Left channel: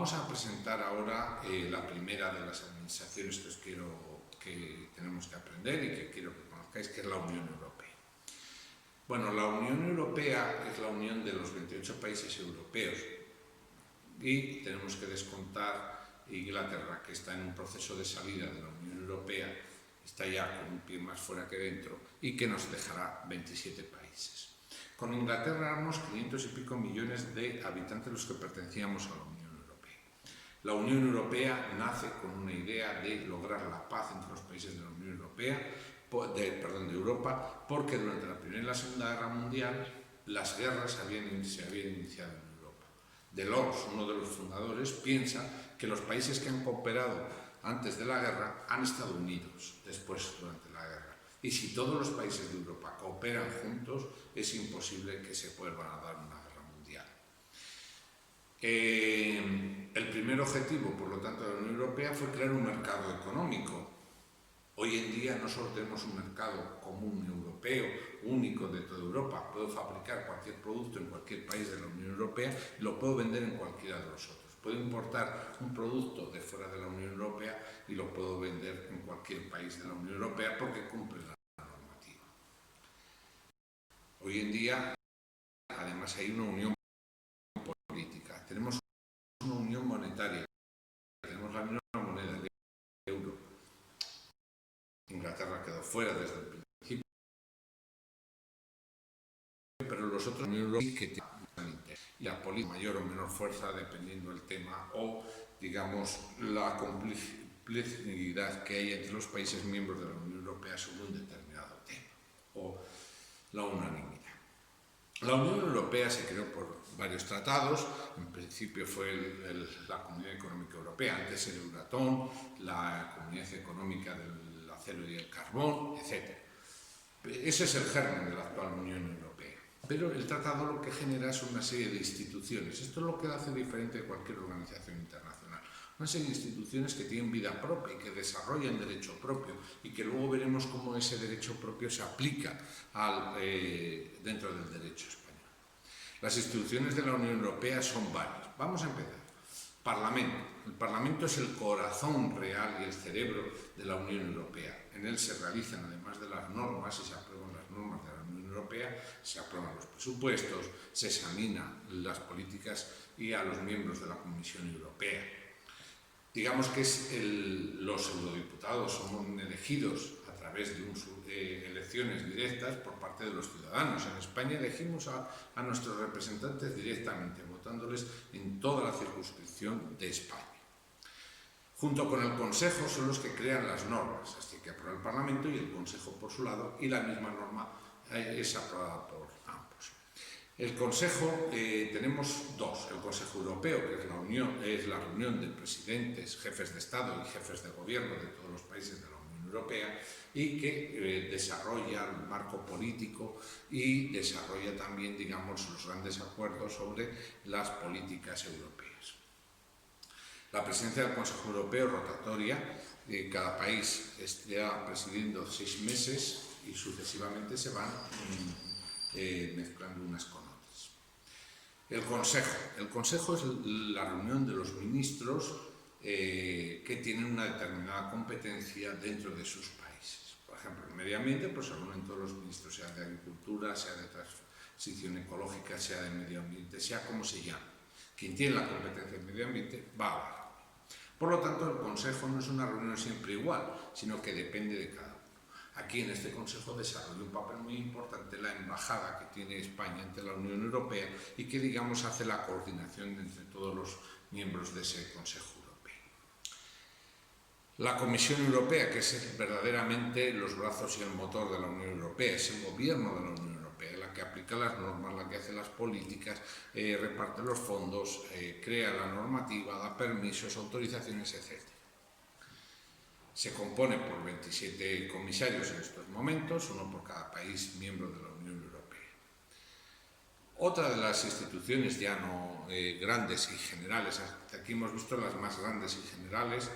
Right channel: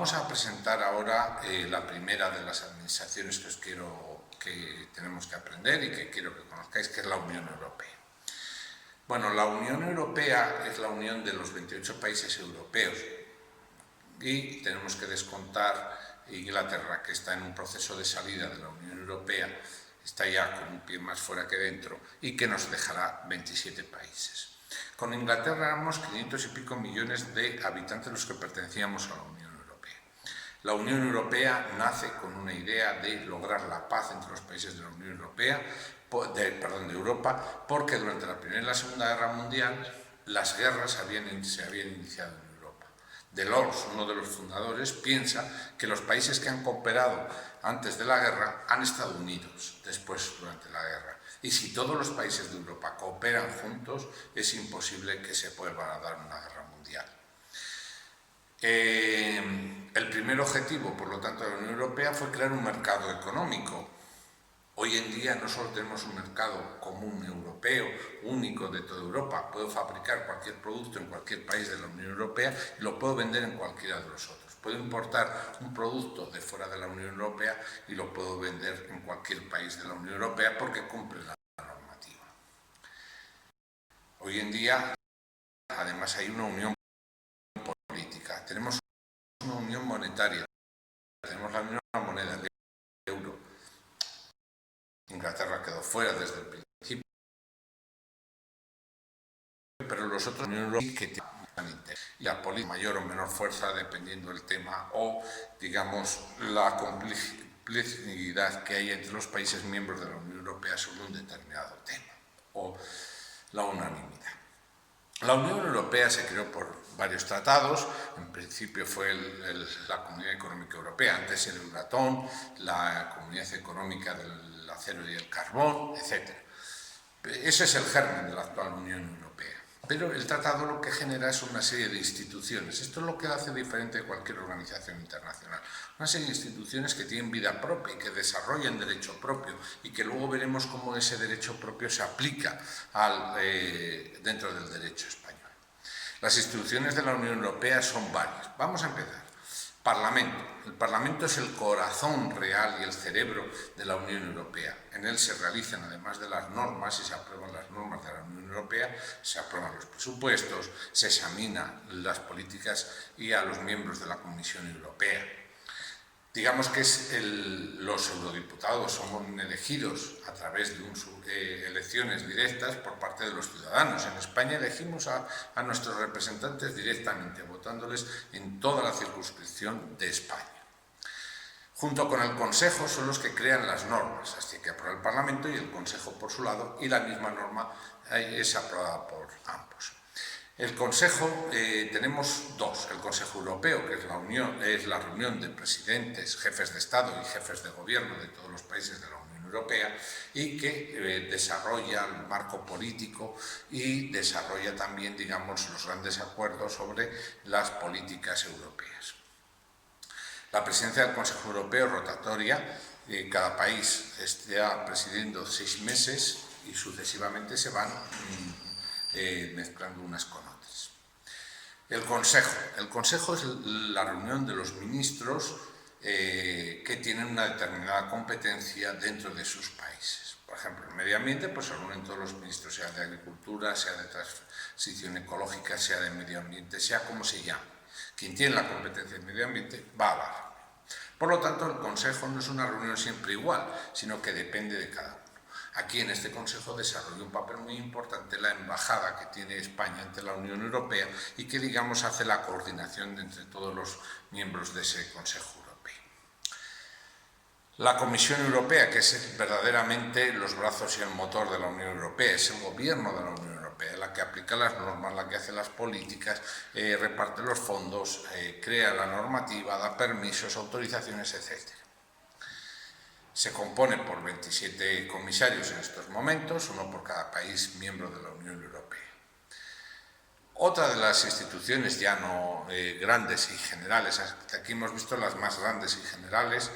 Vamos a presentar ahora la primera de las administraciones que tenemos que aprender y que quiero que conozcáis, que es la Unión Europea. Bueno, la Unión Europea es la unión de los 28 países europeos y tenemos que descontar Inglaterra, que está en un proceso de salida de la Unión Europea, está ya con un pie más fuera que dentro y que nos dejará 27 países. Con Inglaterra éramos 500 y pico millones de habitantes los que pertenecíamos a la Unión Europea. La Unión Europea nace con una idea de lograr la paz entre los países de la Unión Europea, de Europa, porque durante la Primera y la Segunda Guerra Mundial las guerras se habían iniciado en Europa. Delors, uno de los fundadores, piensa que los países que han cooperado antes de la guerra han estado unidos después durante la guerra. Y si todos los países de Europa cooperan juntos, es imposible que se vuelva a dar una guerra mundial. El primer objetivo, por lo tanto, de la Unión Europea fue crear un mercado económico. Hoy en día no solo tenemos un mercado común europeo, único de toda Europa. Puedo fabricar cualquier producto en cualquier país de la Unión Europea y lo puedo vender en cualquiera de los otros. Puedo importar un producto de fuera de la Unión Europea y lo puedo vender en cualquier país de la Unión Europea porque cumple la normativa. Hoy en día, además, hay una unión política. Tenemos una unión monetaria. Tenemos la misma moneda, el euro. Inglaterra quedó fuera desde el principio, pero los otros que tienen la política mayor o menor fuerza dependiendo del tema o, digamos, la complicidad que hay entre los países miembros de la Unión Europea sobre un determinado tema o la unanimidad. La Unión Europea se creó por varios tratados. En principio fue la Comunidad Económica Europea, antes el Euratom, la Comunidad Económica del Acero y el Carbón, etc. Ese es el germen de la actual Unión Europea. Pero el tratado lo que genera es una serie de instituciones. Esto es lo que hace diferente de cualquier organización internacional. Una serie de instituciones que tienen vida propia y que desarrollan derecho propio y que luego veremos cómo ese derecho propio se aplica dentro del derecho español. Las instituciones de la Unión Europea son varias. Vamos a empezar. Parlamento. El Parlamento es el corazón real y el cerebro de la Unión Europea. En él se realizan, además de las normas, y se aprueban las normas de la Unión Europea, se aprueban los presupuestos, se examinan las políticas y a los miembros de la Comisión Europea. Digamos que los eurodiputados son elegidos a través de elecciones directas por parte de los ciudadanos. En España elegimos a nuestros representantes directamente, votándoles en toda la circunscripción de España. Junto con el Consejo son los que crean las normas, así que aprueba el Parlamento y el Consejo por su lado, y la misma norma es aprobada por ambos. El Consejo, tenemos dos, el Consejo Europeo, que es la reunión de presidentes, jefes de Estado y jefes de gobierno de todos los países de la Unión Europea y que desarrolla el marco político y desarrolla también, digamos, los grandes acuerdos sobre las políticas europeas. La presidencia del Consejo Europeo es rotatoria, cada país está presidiendo 6 meses y sucesivamente se van mezclando unas con otras. El Consejo es la reunión de los ministros que tienen una determinada competencia dentro de sus países. Por ejemplo, en medio ambiente pues se reúnen todos los ministros, sea de agricultura, sea de transición ecológica, sea de medio ambiente, sea como se llame. Quien tiene la competencia en medio ambiente va a la reunión. Por lo tanto, el Consejo no es una reunión siempre igual, sino que depende de cada uno. Aquí en este Consejo desarrolla un papel muy importante la embajada que tiene España ante la Unión Europea y que, digamos, hace la coordinación entre todos los miembros de ese Consejo Europeo. La Comisión Europea, que es verdaderamente los brazos y el motor de la Unión Europea, es el gobierno de la Unión Europea, la que aplica las normas, la que hace las políticas, reparte los fondos, crea la normativa, da permisos, autorizaciones, etc. Se compone por 27 comisarios en estos momentos, uno por cada país miembro de la Unión Europea. Otra de las instituciones ya no grandes y generales, aquí hemos visto las más grandes y generales,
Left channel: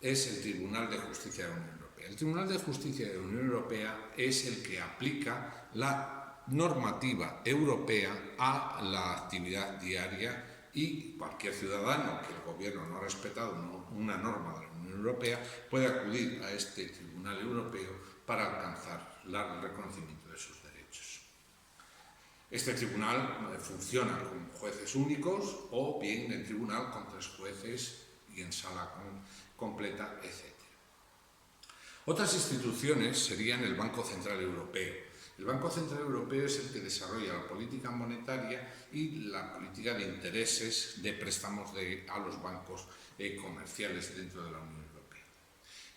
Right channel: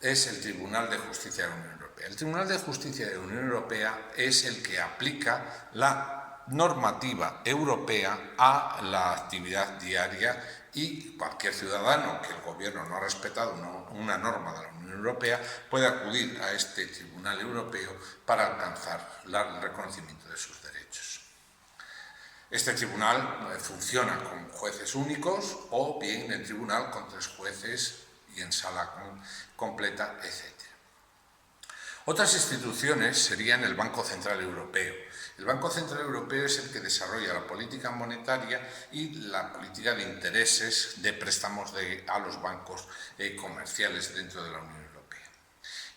es el Tribunal de Justicia de la Unión Europea. El Tribunal de Justicia de la Unión Europea es el que aplica la normativa europea a la actividad diaria y cualquier ciudadano que el gobierno no ha respetado una norma de la Unión Europea puede acudir a este Tribunal Europeo para alcanzar el reconocimiento de sus derechos. Este tribunal funciona con jueces únicos o bien en tribunal con 3 jueces y en sala completa, etc. Otras instituciones serían el Banco Central Europeo. El Banco Central Europeo es el que desarrolla la política monetaria y la política de intereses de préstamos a los bancos comerciales dentro de la Unión Europea.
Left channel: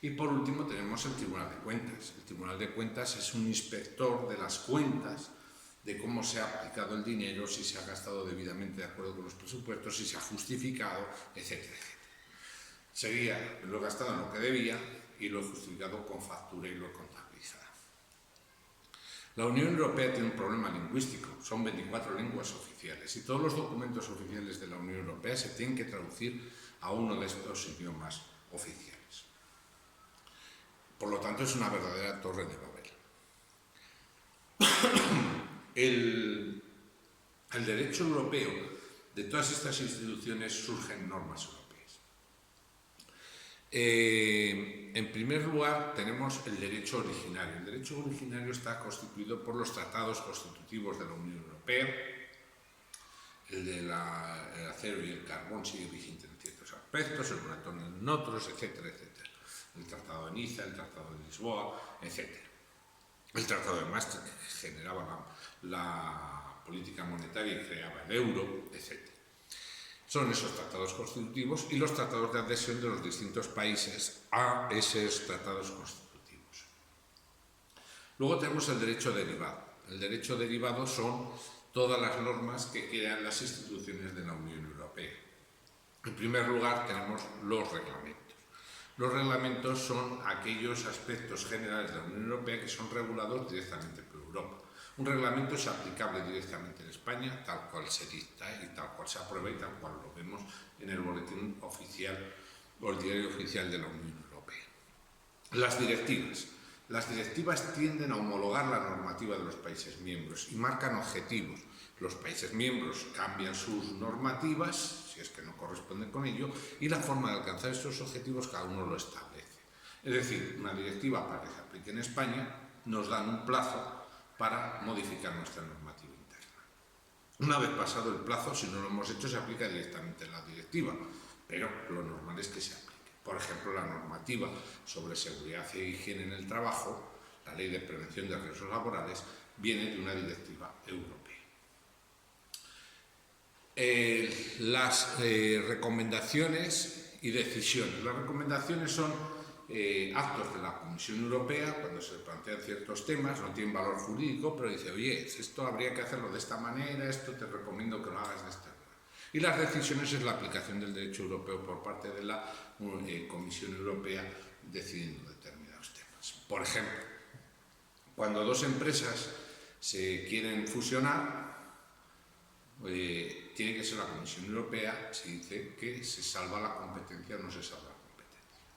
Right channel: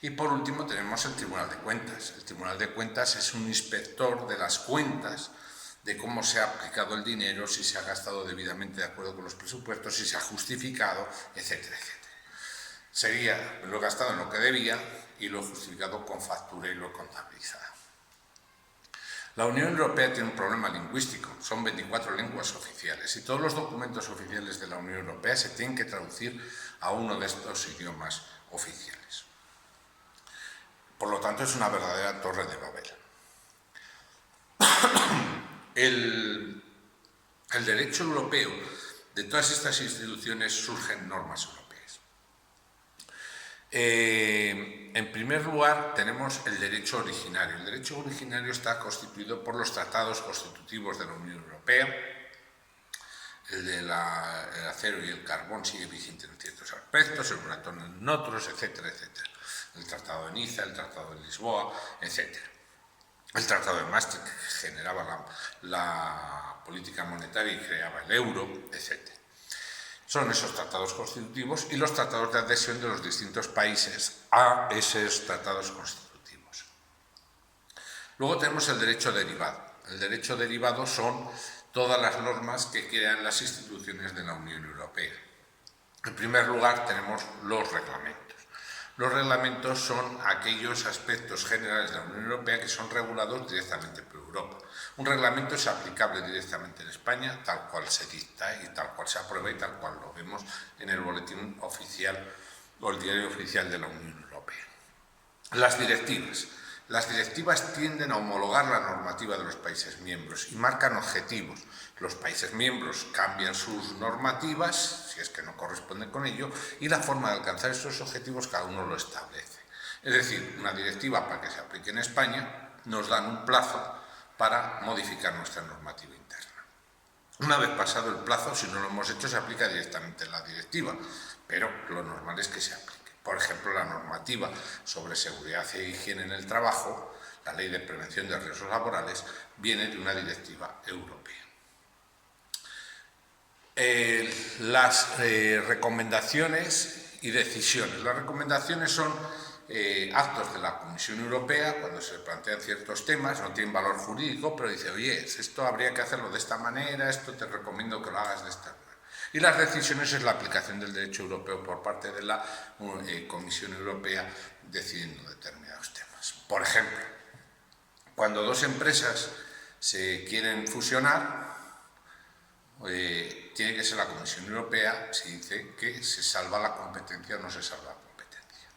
Y por último tenemos el Tribunal de Cuentas. El Tribunal de Cuentas es un inspector de las cuentas, de cómo se ha aplicado el dinero, si se ha gastado debidamente de acuerdo con los presupuestos, si se ha justificado, etcétera, etcétera. Sería lo gastado en lo que debía y lo justificado con factura y lo contabilizado. La Unión Europea tiene un problema lingüístico, son 24 lenguas oficiales y todos los documentos oficiales de la Unión Europea se tienen que traducir a uno de estos idiomas oficiales. Por lo tanto, es una verdadera torre de Babel. El derecho europeo, de todas estas instituciones surgen normas europeas. En primer lugar, tenemos el derecho originario. El derecho originario está constituido por los tratados constitutivos de la Unión Europea. El del acero y el carbón sigue vigente en ciertos aspectos, el Euratom en otros, etcétera, etcétera. El Tratado de Niza, el Tratado de Lisboa, etcétera. El Tratado de Maastricht, que generaba la política monetaria y creaba el euro, etcétera. Son esos tratados constitutivos y los tratados de adhesión de los distintos países a esos tratados constitutivos. Luego tenemos el derecho derivado. El derecho derivado son todas las normas que crean las instituciones de la Unión Europea. En primer lugar tenemos los reglamentos. Los reglamentos son aquellos aspectos generales de la Unión Europea que son regulados directamente por Europa. Un reglamento es aplicable directamente en España, tal cual se dicta y tal cual se aprueba y tal cual lo vemos en el boletín oficial o el diario oficial de la Unión Europea. Las directivas. Las directivas tienden a homologar la normativa de los países miembros y marcan objetivos. Los países miembros cambian sus normativas, si es que no corresponden con ello, y la forma de alcanzar estos objetivos cada uno lo establece. Es decir, una directiva para que se aplique en España nos dan un plazo para modificar nuestra normativa interna. Una vez pasado el plazo, si no lo hemos hecho, se aplica directamente la directiva, pero lo normal es que se aplique. Por ejemplo, la normativa sobre seguridad e higiene en el trabajo, la Ley de Prevención de Riesgos Laborales, viene de una directiva europea. Las recomendaciones y decisiones. Las recomendaciones son actos de la Comisión Europea cuando se plantean ciertos temas, no tienen valor jurídico, pero dice, oye, esto habría que hacerlo de esta manera, esto te recomiendo que lo hagas de esta manera. Y las decisiones es la aplicación del derecho europeo por parte de la Comisión Europea decidiendo determinados temas. Por ejemplo, cuando dos empresas se quieren fusionar, tiene que ser la Comisión Europea si dice que se salva la competencia o no se salva la competencia.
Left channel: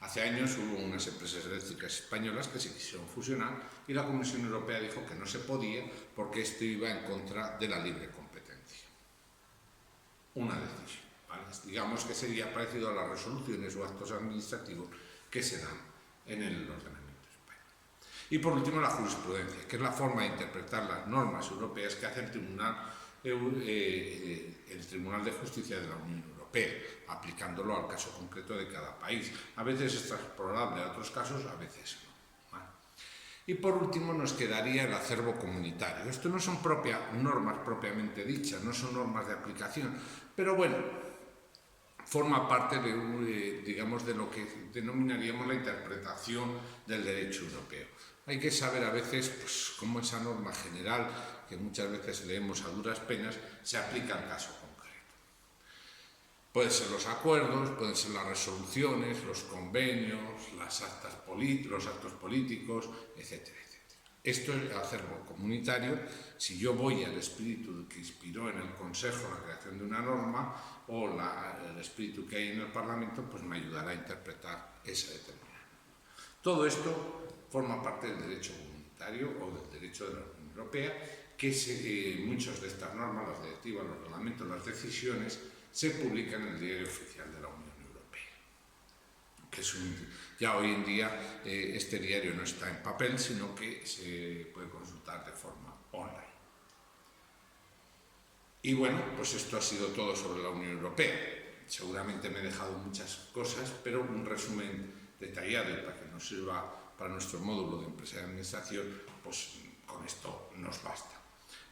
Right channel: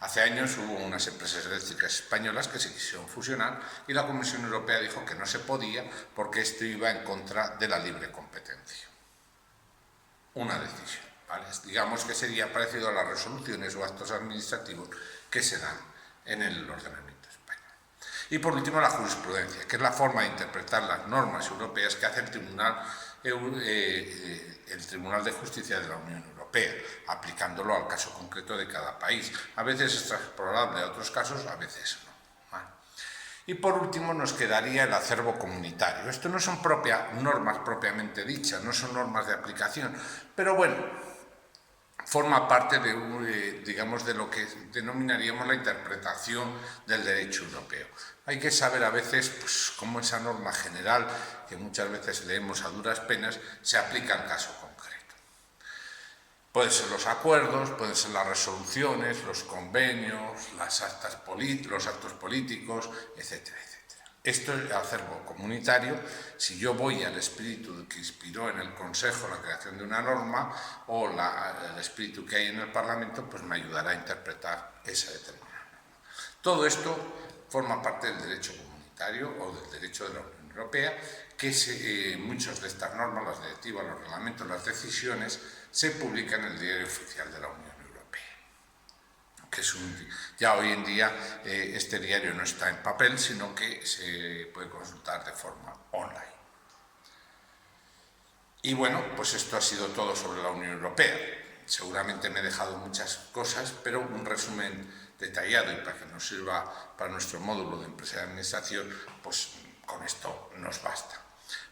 Hace años hubo unas empresas eléctricas españolas que se quisieron fusionar y la Comisión Europea dijo que no se podía porque esto iba en contra de la libre competencia. Una decisión, ¿vale? Digamos que sería parecido a las resoluciones o actos administrativos que se dan en el ordenamiento español. Y por último, la jurisprudencia, que es la forma de interpretar las normas europeas que hace el Tribunal de Justicia de la Unión Europea, aplicándolo al caso concreto de cada país. A veces es transportable a otros casos, a veces no. ¿Vale? Y por último nos quedaría el acervo comunitario. Esto no son normas propiamente dichas, no son normas de aplicación, pero bueno, forma parte digamos, de lo que denominaríamos la interpretación del derecho europeo. Hay que saber a veces pues, cómo esa norma general, que muchas veces leemos a duras penas, se aplica al caso concreto. Pueden ser los acuerdos, pueden ser las resoluciones, los convenios, los actos políticos, etcétera, etcétera. Esto es el acervo comunitario. Si yo voy al espíritu que inspiró en el Consejo la creación de una norma o el espíritu que hay en el Parlamento, pues me ayudará a interpretar esa determinada norma. Todo esto forma parte del derecho comunitario o del derecho de la Unión Europea, que que muchas de estas normas, las directivas, los reglamentos, las decisiones, se publican en el Diario Oficial de la Unión Europea. Que es ya hoy en día este diario no está en papel, sino que se puede consultar de forma online. Y bueno, pues esto ha sido todo sobre la Unión Europea. Seguramente me he dejado muchas cosas, pero un resumen detallado y para que nos sirva para nuestro módulo de empresa de administración, pues con esto nos basta.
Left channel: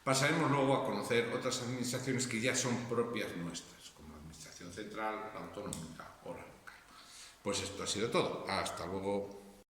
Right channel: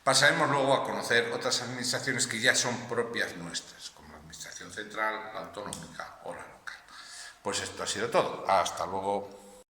Pasaremos luego a conocer otras administraciones que ya son propias nuestras, como la Administración Central, la Autonómica o la local. Pues esto ha sido todo. Hasta luego.